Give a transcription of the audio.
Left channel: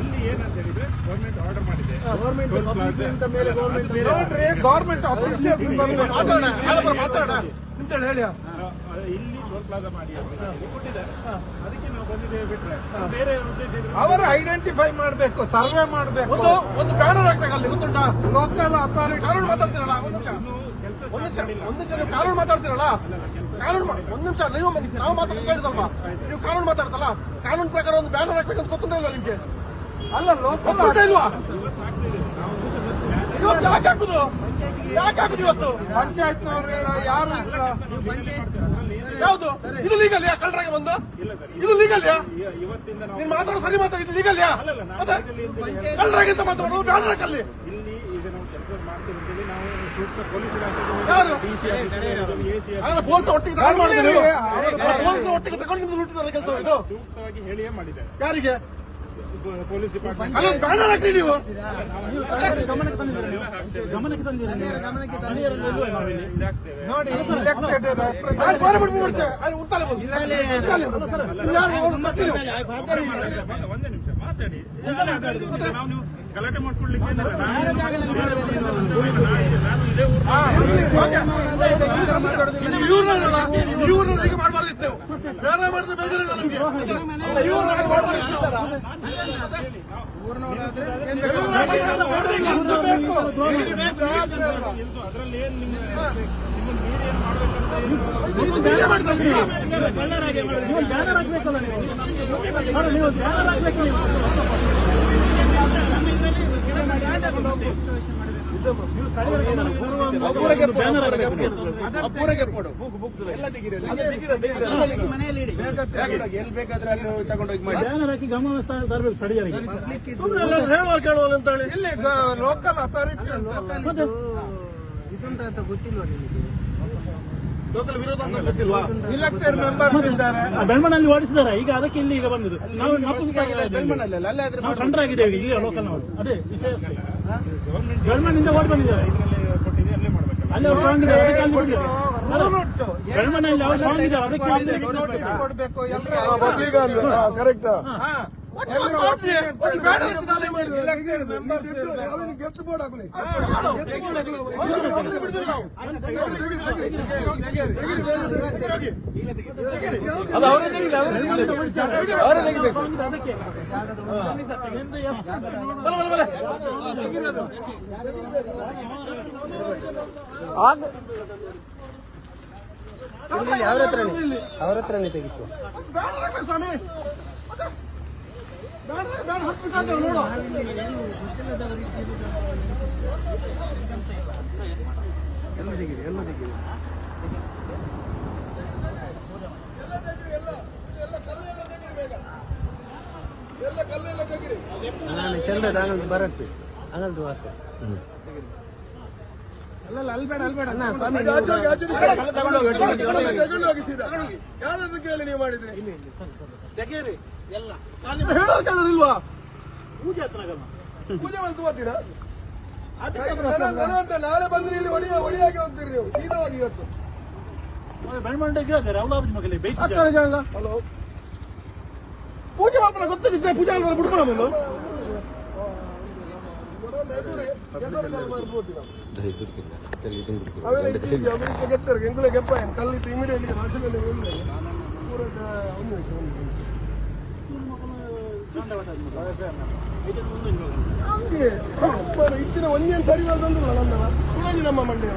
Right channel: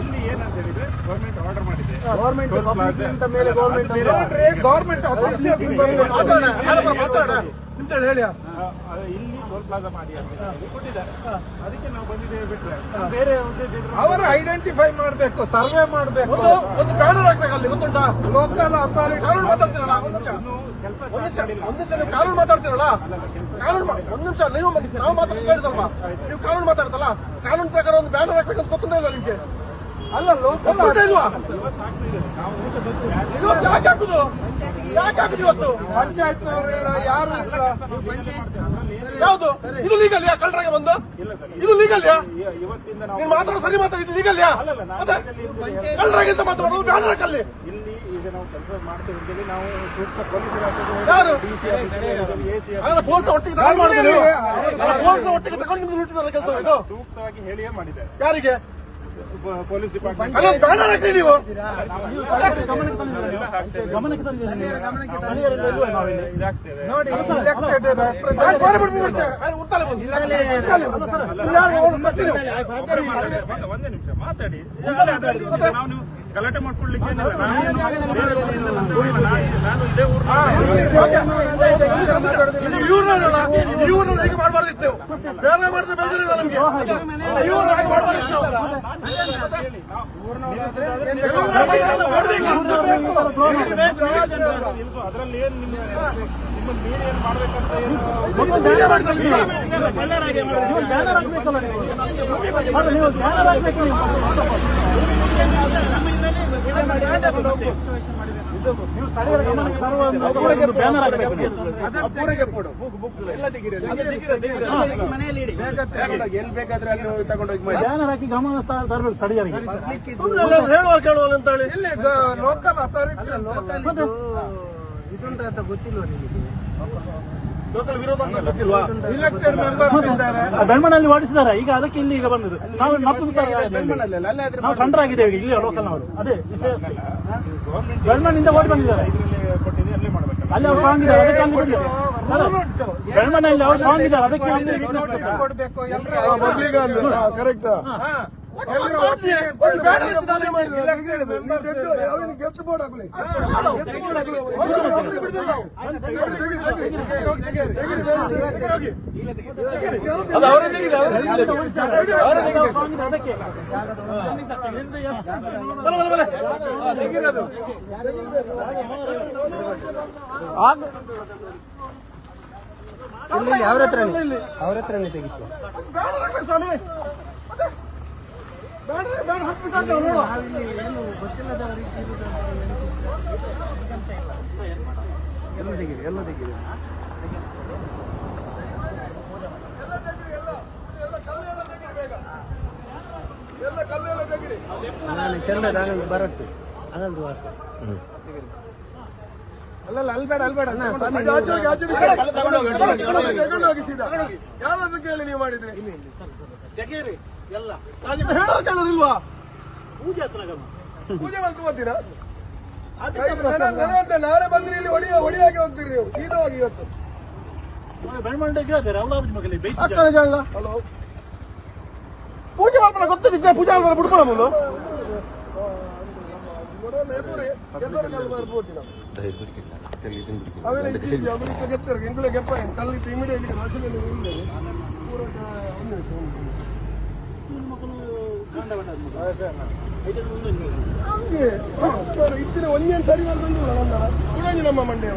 ಇಲ್ಲಿ ಏನಂತ ಹೇಳಿದ್ರೆ ಗೌರ್ಮೆಂಟ್ ಆರ್ಡರ್ ಮಾಡಿದೆ ಗೌರ್ಮೆಂಟ್ ಪಬ್ಲಿಕ್ ಮೇಲೆ ಗೌರ್ಮೆಂಟ್ ಗೌರ್ಮೆಂಟ್ ನಿಂತ ಹೇಳಿ ಇಲ್ಲಿ ಟೋಲ್ ಪ್ಲಾಜಾ ಮಾಡಿ ಅಂತ ಹೇಳಿ ಕೊಟ್ಟಿದ್ದಾರೆ. ಅದಕ್ಕೆ ನಾವು ಬಂದಿದ್ದೇವೆ ಬಿಟ್ರೆ ಬೇರೆ ಉದ್ದೇಶ ಇದ್ರೆ ಅವರು ಐಡೆಂಟಿಫೈ ಮಾಡಬೇಕು ಸರ್ವೆ ಮಾಡಬೇಕು. ಒಂದು ಬ್ಯಾನರ್ ಹಾಕ್ಬೇಕು ಅಲ್ಲಿ ಗೊತ್ತುಂಟಾ? ಲೋಕಲ್ ಅಥಾರಿಟಿ ಕಾನೂನು ಮಾತಾಡ್ತೀರಲ್ಲ ಒಂದು ಸಲ ಕಾನೂನು ಮಾತಾಡ್ತೀರಲ್ಲ? ಕಾನೂನು ಒಂದು ನಿಮಿಷ ನೀವು ನಾವು ಮಾತಾಡ್ತಾ ನೀವು ಕಾನೂನು ಮಾತಾಡ್ತಲ್ಲ ಕಾನೂನು ಪ್ರಕಾರ ಒಂದು ಬ್ಯಾನರ್ ಹಾಕ್ಬೇಕಂತ ಗೊತ್ತಿಲ್ಲ ನಿಮ್ಗೆ? ಅಲ್ಲ ಲೋಕಲ್ ಇಲ್ವಾ? ಇವತ್ತು ಯಾಕೆ ಹಾಕುದು? ಯಾಕೆ ಹಾಕುದು ಇವತ್ತು? ಪಂಚಾಯತ್ ಯಾರು. ಯಾವುದು? ಇದು ಲೀಗಲ್ ಯಾ? ಕಳ್ಳರಾಗೆ ಬಂದು? ಇದು ಲೀಗಲ್ ಯಾ? ಇವತ್ತಿಂದ ನಾವು ನೀನ್ ಮಾತಾಡೋ ಸರಿ ಮಾತಾಡಿ ಇದು ಲೀಗಲ್ ಯಾ? ಮತ್ತೆ ಕಳ್ಳರಾಗಿಂತ ಮಾತಾಡೋದು ಬ್ಯಾನರ್ ಹಾಕಲ್ಲಿ. ಇಲ್ಲಿ ಈಗ ನಾವು ಕೆಲಸ ಮಾಡ್ತೇವೆ ನಾವು ಸೂಕ್ತ ಪೊಲೀಸ್ ಇಲಾಖೆಗೆ ಯಾರು? ಡಿಸಿ ಎಸಿ ಅಲ್ಲ ಪೊಲೀಸ್ ಒಟ್ಟಿಗೆ ಪೊಲೀಸ್ ಒಟ್ಟಿಗೆ ತಗೊಂಡು ನಿಮ್ಗೆ ಕೆಲಸ ಇದು? ಸೂಕ್ತವಾಗಿ ಹೇಳಿಯೇ ಮಾಡಿದ್ದಾರೆ. ಯಾರಿಗೆ? Police department. ಬ್ಯಾನರ್ ಹಾಕಿ ನೀವು. ಗಮನಕ್ಕೆ ಮಾತಾಡಿ. ಒಂದೇ ನಿಮಿಷ ಮಾತಾಡಿ. ಗಲಾಟೆ ಮಾಡ್ಕೊಳ್ಳಿಕ್ಕೆ ಏನಿಲ್ಲ. ನಾನು ಇದೇ ಊರಿನ ಇವ್ರನ್ನಲ್ಲ ಇವ್ರನ್ನ ಹೀಗೆ ಮಾಡಬಾರ್ದಿತ್ತು. ನೀವು ಬೇರೆ ಮಾಡಿದ್ರೆ ಬೇಜಾರಿಲ್ಲ ನಮ್ಗೆ. ಇವ್ರನ್ನ ಅದರಲ್ಲಿ ಏನ್ ನಿಮ್ಮ ನಿಮ್ಮ ಮೀರಿ ಏನ್ ಮಾಡ್ಬೇಕಂತ ಏನು. ಎಲ್ಲಿ ಬೇಕಾದ್ರೆ ಅಲ್ಲಿ ತಗೊಂಡೋಗಿ ಮಾಡಿ ಗಮನ ತರಬೇಕು ಸ್ಥಳೀಯರಿಗೆ ಹೇಳುವ ಕೇಳುವ ಅಂತ ಹೇಳಿ ಇಲ್ಲಿ ಲೋಕಲ್ ಅಥಾರಿಟಿ ಲೋಕಲ್ ಇದುಂಟ ಅಂತ ಗೊತ್ತಿಲ್ವಾ ನಿಮಗೆ ಲೋಕಲ್ ವಿರೋಧ ಅಂತ ಗೊತ್ತಿಲ್ವಾ ಇಲೆಕ್ಟೆಡ್ ಮೆಂಬರ್ಸ್ ಇದ್ದಾರೆ ಆ ಬೆಳ್ಮಣ್ಣಲ್ಲಿ ಮಾಡಿಸಿದಾರೆ ಈಗ ಅದಕ್ಕೆ ಇಲ್ಲಿ ಈಗ ಬಂದದ್ದು ನಾವು ಮತ್ತೊಂದು ಸಾರಿ ಅಲ್ಲಾದ್ರೆ ನಾವು ಸಂಡ್ರಾಗಿದ್ದೇವೆ ಇಲ್ಲಿ ಲೋಕಲ್ ನಾವು ಅದೇ ಬೆಳ್ಮನಿಂದ ಓಡಿ ಬಂದಿದ್ದಾರೆ ಇದರಲ್ಲಿ ಕೊಟ್ಟಿದೆ ಅಲ್ಲೇ ಮಾಡ್ಬೇಕಲ್ಲ ಅಲ್ಲಿ ಅವ್ರು ಸ್ಟ್ರಾಂಗ್ ಇದ್ದಾರೆ ಅದಕ್ಕೆ ಅಲ್ಲಿ ಬೆಳ್ಮಣ್ಣಲ್ಲಿ ಅವ್ರು ಸ್ಟ್ರಾಂಗ್ ಇದ್ದಾರೆ ಅದಕ್ಕೆ ಅಲ್ಲಿ ನೋಟಿಸ್ ಕೊಡ್ಬೇಕು ಎಲ್ಲರೂ ಗೆದ್ದು ಬೋರ್ಡ್ ಹಾಕಲಿ ಸ್ಟ್ರಾಂಗ್ ಇದೆ ಅದಕ್ಕೆ ಅವ್ರ ಹತ್ರ ಅವ್ರ ಹತ್ರನೇ ತೆಗಿಸಿ ನಾವಿಲ್ಲಿ ಏನು ಗೊತ್ತಿಲ್ಲದವರಿಗೆ ಇರುವುದು ಅಂತ ಎಲ್ಲ ತೆಗೀರಿ ಎಲ್ಲ ತೆಗೀರಿ. ನಾನು ಚೆಂದ ಬರಟ್ಟು ಹೌದು ಆಯ್ತು ಅಲ್ಲಲ್ಲ ಅಲ್ಬೇಡ ಅಲ್ಬೇಡ ಕೇಳಿ ನೀವು ಮಾಡಿದ್ರಿ? ಇಲ್ವಾ ಪೂಜೆ ಮಾಡ್ತು ಬರ್ತೀರಾ ನಾಳೆ ಬಂದ್ರೆ ಇಲ್ಲಿ ಒಡಿ ಒಡಿಯಾಗಿ ಹೋಗ್ತೀರಿ ನೀವು ಸೀದವಾಗಿ ಇವತ್ತು. ಪೂಜೆ ಇದ್ದಾರೆ ಎಲ್ಲ ಮಗಲಿ ಬೈತಿದ್ದಾರೆ ಹಲೋ ಪೂಜೆ ಮಾಡ್ತಾನೆ ಗೊತ್ತಿದ್ದೆ ಪೂಜೆ ಮಾಡ್ತಾರೆ ಬಿಡ್ಕೊಳ ಮುಂದೆ ಇತ್ತಿನ ಒಂದೇನು ಸರಿ ಬಂದಿಲ್ಲ ನಮ್ಮ ನಮ್ಮ ಮಂಡ್ಯ